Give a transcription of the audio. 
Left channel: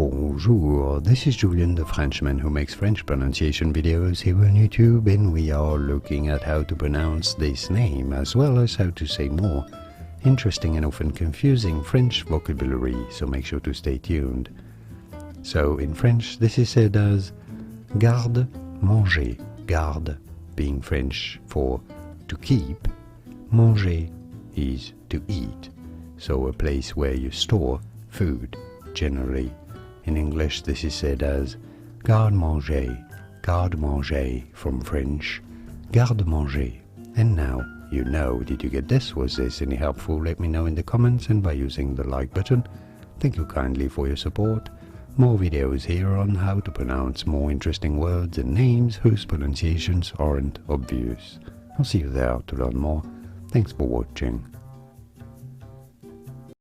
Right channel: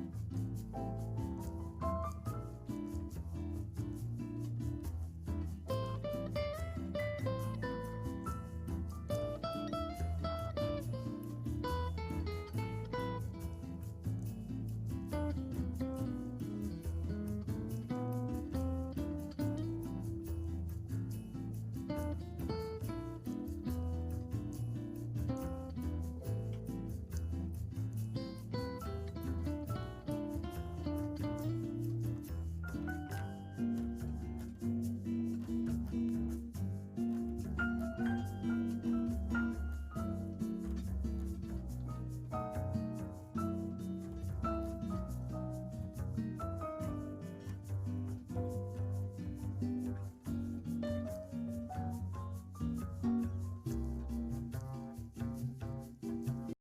Bonjour, this is Julien, the Frenchman who makes French pronunciation videos here on YouTube, and we are looking at how to pronounce this name as well as how to say more interesting and often confusing French vocabulary, so make sure to stay tuned. So in French this is said as garde manger, garde being French for to keep, manger is to eat, so a place where you store food generally. In English this is said as garde manger from French garde manger. And now you know. Did you get this? Was this any helpful? Let me know in the comments and by using the like button. Thank you kindly for your support. More videos here on how to pronounce more interesting words and names whose pronunciations aren't obvious. I'll see you there to learn more. Thanks for watching.